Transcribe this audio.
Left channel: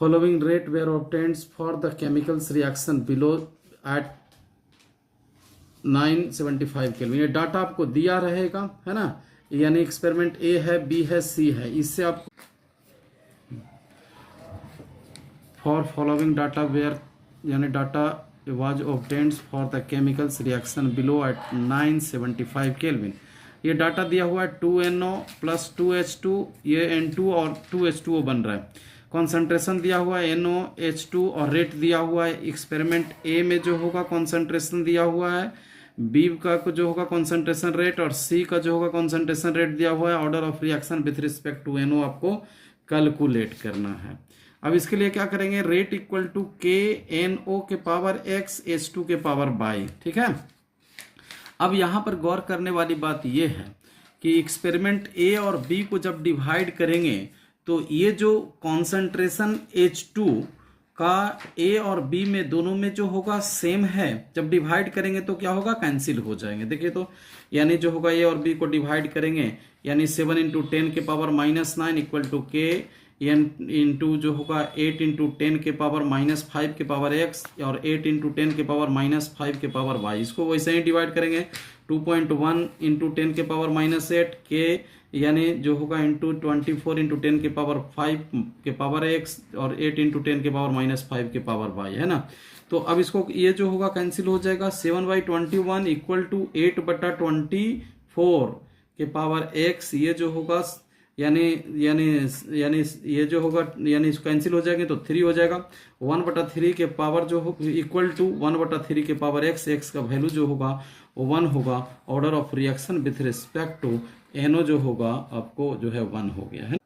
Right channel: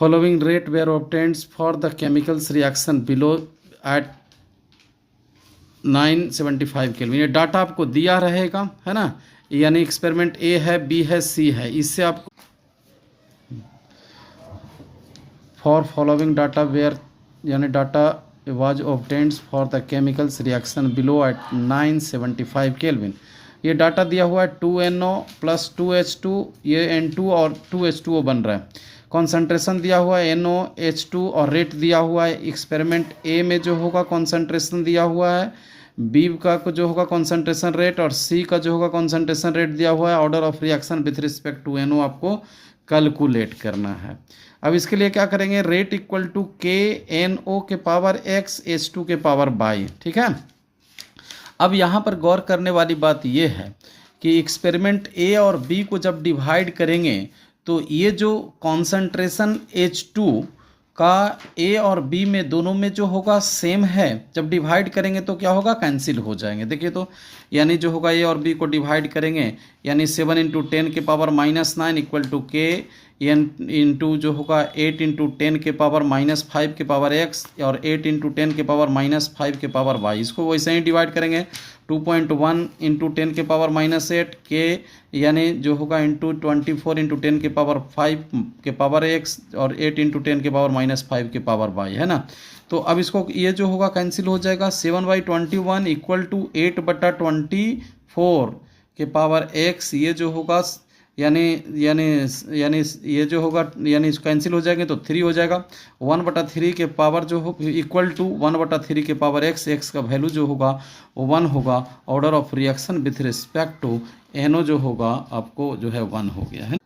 Following rate were obtained for the chemicals reaction below at 975 kelvin. ये data आपको दिया रहेगा, है ना, यानी एक्सपेरिमेंट ए है, बी है, सी है। इससे आपको फॉर फॉलोइंग डाटा वेयर यानी data was obtained for the chemicals reaction below at 975 kelvin. ये डाटा दिया हुआ है 2NO प्लस 2H2, ये N2 और 2H2O बन रहा है। कॉन्सेंट्रेशन दिया हुआ है NOH2 और रेट दिया हुआ है। एक्सपेरिमेंट ए में जो होगा कॉन्सेंट्रेशन दिया हुआ है, बी का जो होगा कॉन्सेंट्रेशन रेट और सी का जो होगा कॉन्सेंट्रेशन रेट दिया हुआ है। Order of reaction with respect to NO आपको कैलकुलेट करना है। अब इसके लिए क्या करेंगे, रेट इक्वल टू KNO के पावर x H2 के पावर बाई, ठीक है। अब यहाँ पर गौर करने वाली बात यह है कि एक्सपेरिमेंट ए और बी को जब डिवाइड करेंगे तो ये जो कॉन्सेंट्रेशन H2 का ए और बी में दोनों में जो होगा सेम है, जब डिवाइड करेंगे तो क्या होगा, कैंसिल हो जाएंगे। देखिए तो यानी जो होगा ए और बी को डिवाइड करेंगे यानी 7 × 10 के power -9 equal to K into जो होगा 8 × 10 के पावर -5 के पावर x और 8 × 10 के पावर -5 के पावर y। इसको वैसे ही डिवाइड करेंगे 2.1 × 10 के पावर -8 के यानी जो होगा इंटू 24 × 10 के पावर 5 के पावर x और 8 × 10 के पावर -5 के पावर y, है ना। तो अब इसको ये जो होगा कैंसिल हो जाएगा। 7/21 इक्वल टू 8/24 के पावर x, ये जो होगा यानी यानी यानी ये जो होगा यानी कैंसिल हो जाएंगे तो 3 हो जाएगा। 1/3 के पावर जो हो इक्वल टू 1/3 के पावर x का वैल्यू जो होगा वो 1 होगा। Order of reaction with respect to NO जो होगा आपको जो है 1 हो गया है।